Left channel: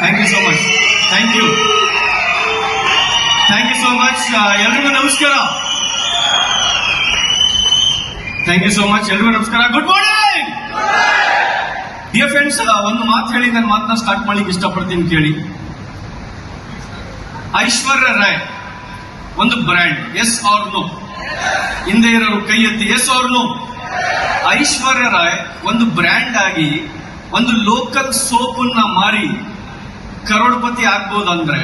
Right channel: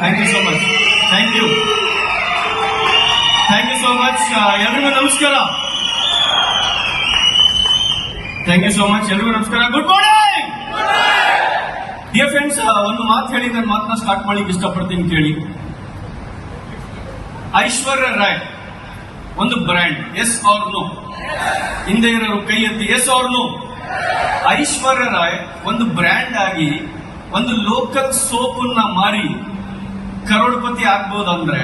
Thank you so much. Thank you so much. ಎಲ್ರಿಗೂ ನಮಸ್ಕಾರ. Thank you so much. ಎಲ್ರಿಗೂ ನಮಸ್ಕಾರ. Good morning dear friends. ಒಂದು ಮಾತು ಹೇಳಿ ನನ್ನ ಮಾತನ್ನ ಸ್ಟಾರ್ಟ್ ಮಾಡ್ಲಿಕ್ಕೆ ಇಷ್ಟಪಡ್ತೀನಿ ಕೇಳಿ. ಐಶ್ವರ್ಯ ರಾಯ್ ಒಂದು ಬ್ರ್ಯಾಂಡ್, ಎಸ್ ಆರ್ ನೋ? ಹಿಂದೆ ಇರೋರು ಕೈ ಎತ್ತಿ, ಎಸ್ ಆರ್ ನೋ? ಐಶ್ವರ್ಯ ರಾಯ್ ಒಂದು ಬ್ರ್ಯಾಂಡ್ ಆಗಿ ಒಂದು ಲೋಕಲ್ ಸೋಪನ್ನ ಮಾರಿ ಕರೋಡ್ಪತಿ ಆಗ್ಬೋದಂದ್ರೆ,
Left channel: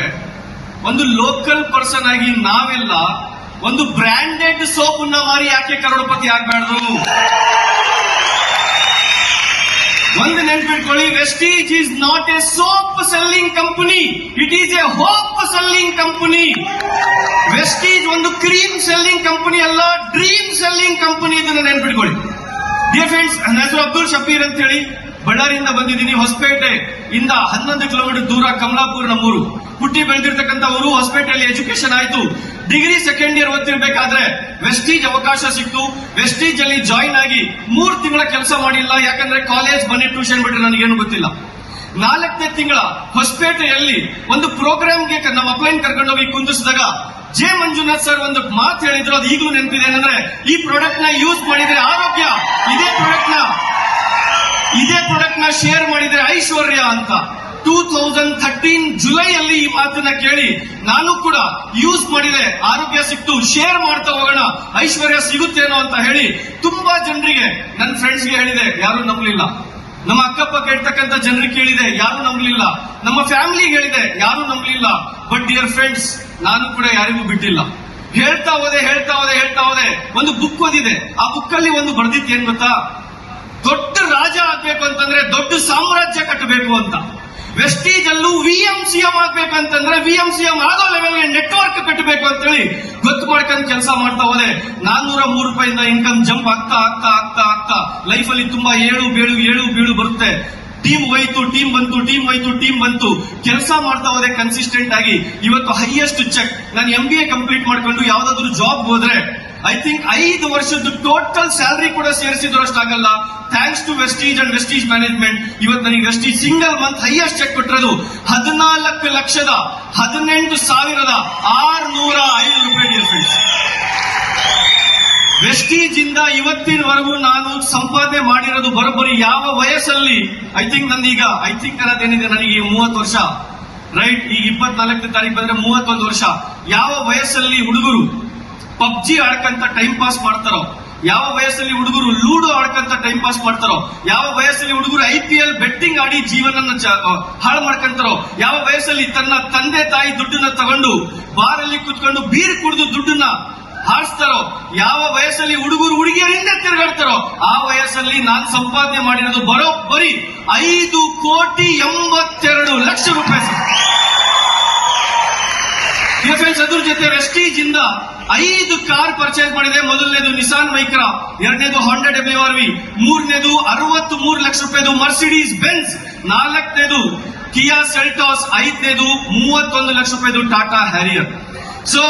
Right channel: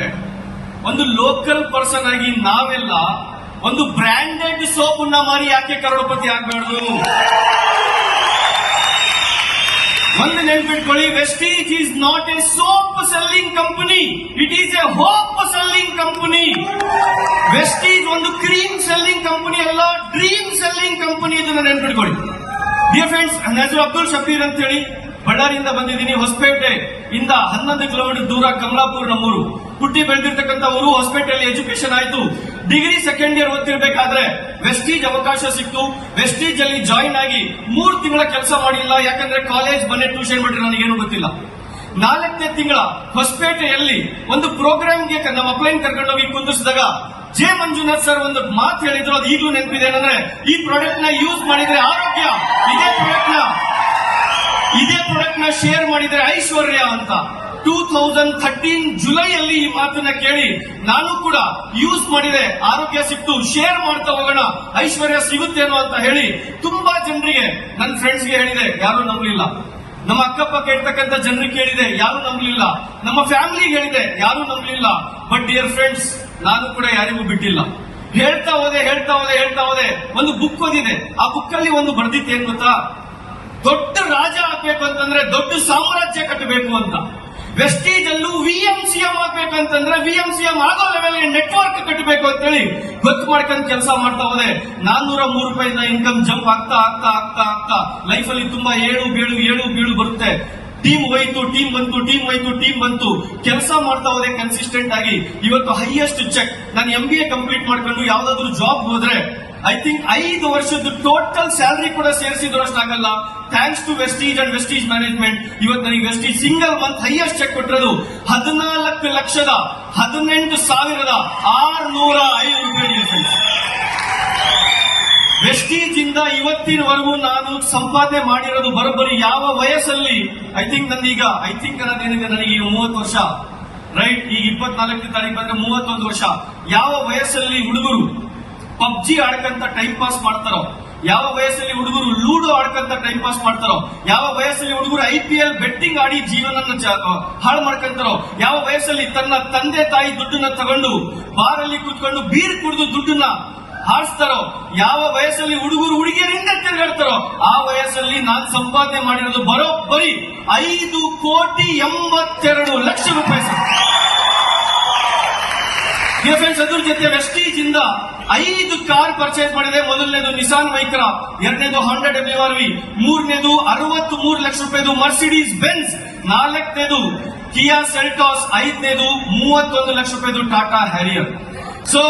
ಒಂದು ಲೋಕಲ್ ಪರ್ಸನ್ ಆಗಿ ನಾವೆಲ್ಲ ಒಂದು ಬ್ರ್ಯಾಂಡೆಡ್ ಸೋಪನ್ನ ಮಾರಿ ಯಾಕೆ ಕರೋಡ್ಪತಿ ಆಗ್ಬಾರ್ದು? ಒಂದು ನೆನ್ಪಿಟ್ಕೊಳ್ಳಿ, Vestige is not A soap selling company, it is A hope selling company. Vestige ಒಂದು ಕ್ರೀಮ್ ಸೆಲ್ಲಿಂಗ್ ಕಂಪನಿ ಅಲ್ಲ, ಡ್ರೀಮ್ ಸೆಲ್ಲಿಂಗ್ ಕಂಪನಿ. ಇದನ್ನ ನೆನ್ಪಿಟ್ಕೊಳ್ಳಿ. ಡಿಯರ್ ಫ್ರೆಂಡ್ಸ್, ನನ್ನ ಹೆಸರು ಅಬ್ದುಲ್ ಶಬೀರ್ ಅಂತ ಹೇಳಿ, ಬಳ್ಳಾರಿಯಿಂದ ಬಂದಿದ್ದೀನಿ. ಹೊಸಪೇಟೆ ಇಂದ 11 ಕಿಲೋಮೀಟರ್ ದೂರ ಕಮಲಾಪುರ್ ನಮ್ಮೂರು. ಹುಟ್ಟಿ ಬೆಳೆದಿರ್ತಕ್ಕಂಥ ಊರು. ಹೊಸಪೇಟೆಯಲ್ಲಿ ಎಜುಕೇಶನ್ ಆಯ್ತು. ಡಿಗ್ರಿ ಸೆಕೆಂಡ್ ಇಯರ್ ಓದ್ತಿರ್ಬೇಕಾದ್ರೆ ವೆಸ್ಟೀಜ್ ಅವಕಾಶ ಸಿಕ್ತು. ವೆಸ್ಟೀಜ್ ಅಲ್ಲಿ ಜಾಯಿನ್ ಆಗಿ 3 ತಿಂಗಳ ಕೆಲಸ ಮಾಡಿಲ್ಲ, ಯಾಕಂದ್ರೆ ಕಾಲೇಜ್ ಮನೆ ಟ್ಯೂಷನ್ ಬಿಟ್ಟರೆ ನನಗೇನು ಗೊತ್ತಿಲ್ಲ. 4ನೇ ತಿಂಗಳ ಹೊಸಪೇಟೆಯಲ್ಲಿ ಒಂದು ಪ್ರೋಗ್ರಾಮ್ಗೆ ನಮ್ಮ ಅಪ್ಲೈನ್ ಕರ್ಕೊಂಡೋಗಿ ಕುಂದಿಸಿದಾಗ ಜೆ ಮಂಜುನಾಥ್ ಸರ್ ಒಂದು ಮಾತು ಹೇಳಿದ್ರು, ಅದು ಈಗಲೂ ನೆನಪಿದೆ. ಏನಂದ್ರೆ, ಈ ಪ್ರಾಡಕ್ಟ್ ನ ಯೂಸ್ ಮಾಡಿದ್ರೆ ಆರೋಗ್ಯ, ಇದೇ ಪ್ರಾಡಕ್ಟ್ ನ ಶೇರ್ ಮಾಡಿದ್ರೆ ಐಶ್ವರ್ಯ ಅಂತ. 2013 ಜುಲೈಯಲ್ಲಿ ಈ ಮಾತನ್ನ ಕೇಳಿ ನಾನು ಕೂಡ ಯೂಸ್ ಮಾಡಿದೆ, ಆರೋಗ್ಯ ಸಿಕ್ತು, ಶೇರ್ ಮಾಡ್ತಾ ಹೋಗೋಣ, ಐಶ್ವರ್ಯ ಸಿಗುತ್ತೇನೋ ಅಂತ ಹೇಳಿ ತುಂಬಾ ಜನರಿಗೆ, ನನ್ನ ಫ್ರೆಂಡ್ಸ್ಗೆ ಹೇಳಿದೆ, ಯಾರು ನಂಬಲಿಲ್ಲ. ನಮ್ಮ ಅಕ್ಕಪಕ್ಕ ಇರ್ತಕ್ಕಂಥ ಜನರಿಗೆ ಕೇಳಿದೆ, ಯಾರು ನಂಬಲಿಲ್ಲ. ನಮ್ಮ ಫ್ಯಾಮಿಲಿಗೆ ಹೇಳಿದೆ, ಯಾರು ನಂಬಲಿಲ್ಲ. ಬಟ್ ಡಿಯರ್ ಫ್ರೆಂಡ್ಸ್, ನಾನು ಕೂಡ ಯಾರಿಗೂ ಬಿಟ್ಟಿಲ್ಲ. ಹೇಳ್ತಾ ಹೋದೆ. ಒಂದು ಬುಕ್ ಓದಿದೆ. ಆ ಬುಕ್ ಅಲ್ಲಿ ಒಂದು ಬರ್ದಿತ್ತು, ಏನ್ ಗೊತ್ತಾ? ದೊಡ್ಡ ರಾಜ ಆಗ್ಬೇಕು ಅಂತಂದ್ರೆ ದೊಡ್ಡ ಸಾಮ್ರಾಜ್ಯ ಕಟ್ಟಬೇಕು ಅಂತ. ವೆಸ್ಟೀಜ್ ಅಲ್ಲೂ VMCM ಆಗ್ಬೇಕಂತಂದ್ರೆ VMCM ಆಗೋ ಲೆವೆಲ್ಗೆ ನೆಟ್ವರ್ಕ್ ಕಟ್ಟಬೇಕು ಅಂತೇಳಿ ಗೊತ್ತು ಮಾಡ್ಕೊಂಡು ಕೆಲಸ ಮಾಡ್ತಾ ಹೋದೆ. 403 ರೂಪಾಯಿಂದ ಇನ್ಕಮ್ ಜಂಪ್ ಆಗ್ತಾ ಲೈಫ್ ಅಲ್ಲಿ ತುಂಬಾ ಏಳು ಬೀಳು ಬರುತ್ತೆ. ಟೀಮ್ ಬಂತು. ಕೆಲಸ ಮಾಡ್ತಾ ಹೋದೆ ಕನ್ಸಿಸ್ಟೆಂಟ್ ಆಗಿ. ಇವತ್ತು ಹೈಯೆಸ್ಟ್ ಚೆಕ್. ನಾನು MBA ಕಂಪ್ಲೀಟ್ ಮಾಡ್ಕೊಂಡು ಯಾವ್ದಾದ್ರು ಜಾಬ್ ಹೋದ್ರೆ ಐ ಥಿಂಕ್ 5 ವರ್ಷದ ಟೋಟಲ್ ಸ್ಯಾಲರಿ ಕೂಡ ಸೇರಿಸಿದ್ರು ಅಷ್ಟಾಗಲ್ಲ. Thanks to Vestige and Vestige management. ಇವತ್ತು ನನಗೆ Vestige single month highest cheque ಕೊಟ್ಟಿರೋದು 14,18,605 ರೂಪಾಯಿ. ಡಿಯರ್ ಫ್ರೆಂಡ್ಸ್, ವೆಸ್ಟೀಜ್ ಇಂದ ಇವತ್ತಿನವರೆಗೂ ನಾನು ಸಂಪಾದನೆ ಮಾಡಿರೋದು ಬರೋಬ್ಬರಿ ಯಾವ ವಯಸ್ಸಲ್ಲಿ, ಐ ಥಿಂಕ್ ಅನ್ನೋದೇನಿದೆ, ನನಗೆ 30 ವರ್ಷ ರೈಟ್. ಈಗ 24ನೇ ತಾರೀಕು ಬಂದ್ರೆ 31 ವರ್ಷ. ಯಾವ ವಯಸ್ಸಲ್ಲಿ ಹುಡುಗರು ಪಬ್ಜಿ ಆಡ್ಕಂತ ಟೈಮ್ ಪಾಸ್ ಮಾಡ್ತಾರೋ, ಯಾವ ವಯಸ್ಸಲ್ಲಿ ಹುಡುಗರು ಲೂಡೋ ಆಡ್ಕಂತ ಟೈಮ್ ಪಾಸ್ ಮಾಡ್ತಾರೋ, ಯಾವ ವಯಸ್ಸಲ್ಲಿ ಹುಡುಗರು IPL ಬೆಟ್ಟಿಂಗ್ ಆಡಿ ಜೀವನ ಹಾಳು ಮಾಡ್ಕೊಂತಾರೋ, ಯಾವ ವಯಸ್ಸಲ್ಲಿ ತನ್ನ ತಂದೆ ತಾಯಿ ದುಡ್ಡನ್ನ ತಗೊಂಡು ಬಾರಲ್ಲಿ ಕೂತ್ಕೊಂಡು ಬೀರ್ ಕುಡಿದು ದುಡ್ಡನ್ನ ಹಾರಿಸ್ತಾರೋ, ಯಾವ ವಯಸ್ಸಲ್ಲಿ ಹುಡುಗರು ಹುಡುಗಿಯರಿಂದ ತಿರುಗಾಡ್ತಾರೋ, ಆ ವಯಸ್ಸಲ್ಲಿ ನಾನು ಸಂಪಾದನೆ ಮಾಡಿರೋದು ಬರೋಬ್ಬರಿ 5,82,00,000 ರೂಪಾಯಿ. ಫ್ರೆಂಡ್ಸ್, ಅದ್ರ ಜೊತೆ ವೆಸ್ಟೀಜ್ ಇಂದ 5 ಕಾರ್ ಪರ್ಚೇಸ್ ಮಾಡಿದೆ. ಮೊದಲನೇದು ನಿಸಾನ್ ಮೈಕ್ರಾ, ಎರಡನೇದು Honda WRV, ಮೂರನೇದು 63 ಲಕ್ಷ ರೂಪಾಯಿದು ಮರ್ಸಿಡೀಸ್ ಬೆನ್ಸ್, 4ನೇದು ಕಿಯಾ ಸೆಲ್ಟಾಸ್, 5ನೇದು 31 ಲಕ್ಷ ರೂಪಾಯಿದು ಟಾಟಾ ಹ್ಯಾರಿಯರ್. ಸೊ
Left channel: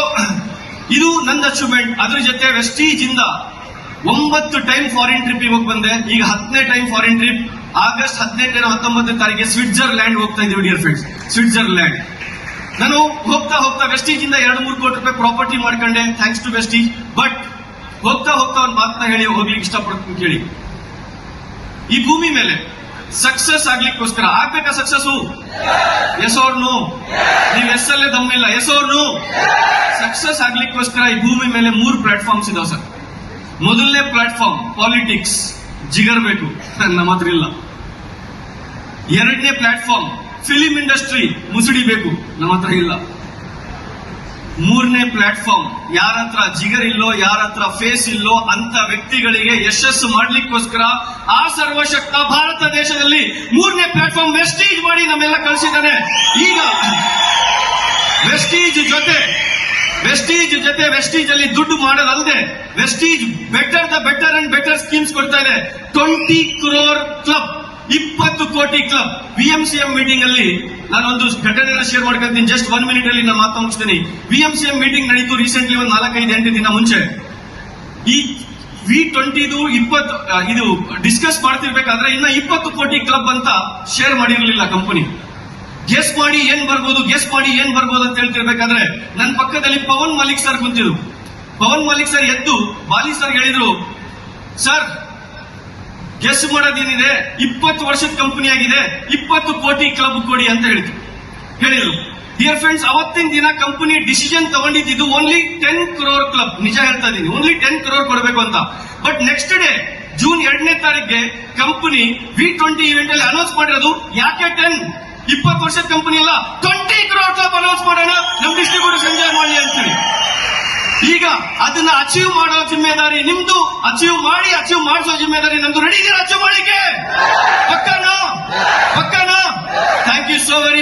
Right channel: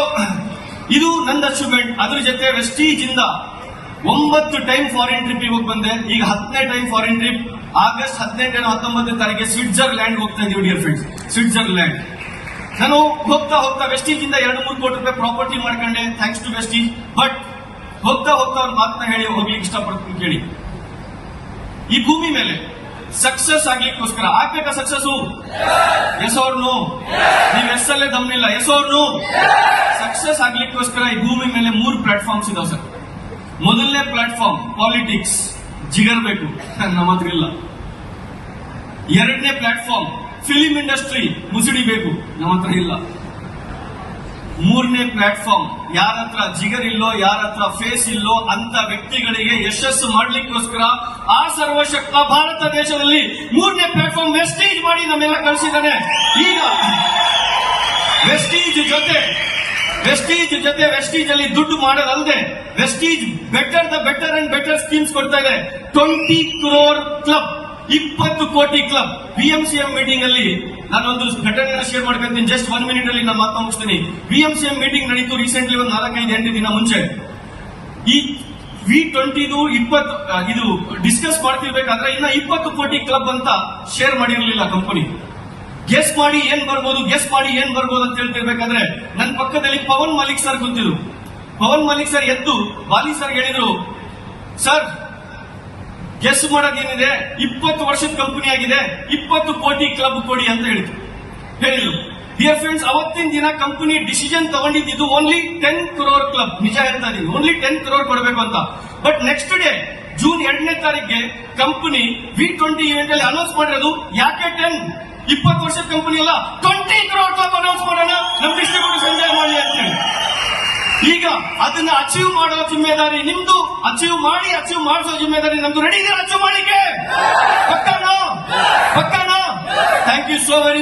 ಇದು ನನ್ನ ಅಚೀವ್ಮೆಂಟ್. ಅದ್ರ ಜೊತೆ ವೆಸ್ಟೀಜ್ ಇಂದ 9 ಟೈಮ್ ಫಾರಿನ್ ಟ್ರಿಪ್ ಹೋಗಿ ಬಂದೆ. ಈಗ 10ನೇ ಟೈಮ್ ಫಾರಿನ್ ಟ್ರಿಪ್. ಆಗಸ್ಟ್ 18 19ನೇ ತಾರೀಕಿಗೆ ಸ್ವಿಟ್ಜರ್ಲ್ಯಾಂಡ್ ಹೋಗ್ತಾ ಇದೀವಿ. Dear friends, Switzerland. ನಾನು ಹೋಗ್ತಾ ವೆಸ್ಟೀಜ್ ಇಂದ 2-3 ಕೋಟಿ ರೂಪಾಯಿ ಪ್ರಾಪರ್ಟಿ ಮಾಡ್ಕೊಂಡೆ, ಥ್ಯಾಂಕ್ಸ್ ಟು ವೆಸ್ಟೀಜ್. ಬಟ್ ಹೋಗ್ತಾ ಒಂದು ಮಾತನ್ನ ಹೇಳಿ ಹೋಗ್ಲಿಕ್ಕೆ ಇಷ್ಟಪಡ್ತೀನಿ ಕೇಳಿ. ಈ ಭೂಮಿ ಮೇಲೆ ಸಕ್ಸಸ್ ಆಗ್ಲಿಕ್ಕೋಸ್ಕರ ಆಗ್ಬೇಕಾ ಸಕ್ಸಸ್? Yes or no? ನೀವು ಎಸ್ ಅಲ್ಲೇ ದಮ್ಮಿಲ್ಲ, ಎಸ್ ಆರ್ ನೋ? ಸಕ್ಸಸ್ ಆಗ್ಲಿಕ್ಕೋಸ್ಕರ ಈ ಭೂಮಿ ಮೇಲೆ 3 ಪ್ಲಾಟ್ಫಾರ್ಮ್ಸ್ ಇದಾವೆ ಸರ್. ಮೊದಲನೇ ಪ್ಲಾಟ್ಫಾರ್ಮ್ ಪಾಲಿಟಿಕ್ಸ್, ಜಿಗರ್ ಬೇಕು, ನಮ್ಮ ಹತ್ರ ಇಲ್ಲ. 2ನೇ ಪ್ಲಾಟ್ಫಾರ್ಮ್ ಫಿಲಿಂ ಇಂಡಸ್ಟ್ರಿ, ಮುಸುಡಿ ಬೇಕು, ನಮ್ಮ ಹತ್ರ ಇಲ್ಲ. 3ನೇ ಪ್ಲಾಟ್ಫಾರ್ಮ್ ಯಾರ ಹತ್ರ ಜಿಗರ್ ಇಲ್ಲೋ, ಯಾರ ಹತ್ರ ಫೇಸ್ ಇಲ್ಲೋ ಅಂತ ವ್ಯಕ್ತಿಗಳಿಗೆ ಯಶಸ್ಸು ಮಾಡ್ಲಿಕ್ಕೋಸ್ಕರ ಆ ಸರ್ವಶಕ್ತ ಭಾರತ ದೇಶದಲ್ಲಿ 3ನೇ ಪ್ಲಾಟ್ಫಾರ್ಮ್ ವೆಸ್ಟೀಜ್ ಮಾಡಿ ನಮ್ಮೆಲ್ಲ ಕಳಿಸಿದ್ದಾನೆ. ಈಗ ವೆಸ್ಟೀಜ್ ಜೊತೆ ವೆಸ್ಟೀಜ್ ಅಲ್ಲಿ ದುಡ್ಡು ಮಾಡೋದಲ್ಲದೆ Vestige better and better schemes ಕೊಡ್ತಾ ಇದೆ. 20 crore ಕ್ಲಬ್, 20 ಕೋಟಿ ಕ್ಲಬ್. VMCM ಮೀಟಿಂಗ್ ಅಲ್ಲಿ ನಾನೊಂದು ಘಟನೆನ ಶೇರ್ ಮಾಡ್ಕೊಂತೀನಿ. ಜಸ್ಟ್ 1 ಮಿನಿಟ್ ಅಲ್ಲಿ ನಾನು ಮಾತು ಮುಗಿಸ್ತೀನಿ. VMCM ಮೀಟಿಂಗ್ ನಡೀತು ರೀಸೆಂಟ್ಲಿ, ಒಂದು 4-5 ದಿನ ಮುಂಚೆ. ಈ V20 ಇದು ಡಿಸ್ಕಸ್ ಮಾಡ್ತಿರ್ಬೇಕಾದ್ರೆ ಇನ್ನ 20 ಕೋಟಿ ಕ್ಲಬ್ ಅಂತ ಶೇರ್ ಮಾಡಿರಲಿಲ್ಲ ಕಂಪನಿ. ಗೆಸ್ ಮಾಡಿ ಏನ್ ಬರ್ಬೋದು ಅಂತ ಹೇಳ್ತಿರ್ಬೇಕಾದ್ರೆ ನನ್ನ ಪಕ್ಕದಲ್ಲಿ ಪವನ್ ಮಲಿಕ್ ಸರ್ ಕುಂತಿದ್ರು. ಪವನ್ ಮಲಿಕ್ ಸರ್ ಎದ್ದು ಬಾಲಿ ಸರ್ ಹೇಳಿದ್ರು, ಸರ್ ಗೆಸ್ ಮಾಡೋದೇನಿದೆ, 20 ವರ್ಷದ ಕಂಪನಿ ಆಗಿದೆ, 20 ಕೋಟಿ ಕ್ಲಬ್ ಕೊಡಿ ಅಂತ ಹೇಳಿದ್ರು. ಡಿಯರ್ ಫ್ರೆಂಡ್ಸ್, ಅವತ್ತಿನ ದಿನ ಕಂಪನಿ ಡಿಸಿಷನ್ ತಗೊಂಡಿದ್ದು ಓನ್ಲಿ 10 crore ಕ್ಲಬ್. ನಿಜ ಹೇಳ್ತಾ ಇದೀನಿ, ಓನ್ಲಿ 10 crore ಕೊಡಬೇಕು ಅಂತ. ಬಟ್ ನೆಕ್ಸ್ಟ್ ಡೇ ಜೂನ್ 2ನೇ ತಾರೀಕಿಗೆ ಕಂಪನಿ V20 ಇವೆಂಟ್ ಅಲ್ಲಿ ಅನೌನ್ಸ್ ಮಾಡಿರೋದು ಯಾಕೆ 10, 20 ವರ್ಷದ ಕಂಪನಿ ಅಲ್ಲ, 20 crore ಕ್ಲಬ್ ಅನೌನ್ಸ್ ಮಾಡೋಣ, ನಮ್ ಡಿಸ್ಟ್ರಿಬ್ಯೂಟರ್ಸ್ ಎಂಜಾಯ್ ಮಾಡಲಿ ಅಂತೇಳಿ. ಈಗ ಅದನ್ನ ಅಚೀವ್ ಮಾಡೋ ಜಿಮ್ಮೆದಾರಿ ನಿಮ್ದು, ಅಚೀವ್ ಮಾಡಿಸೋ ಜಿಮ್ಮೆದಾರಿ ನಮ್ದು. ರೆಡಿ ಇದೀರಾ ಅಚೀವ್ ಮಾಡ್ಲಿಕ್ಕೆ? ಪಕ್ಕಾನಾ? Thank you so very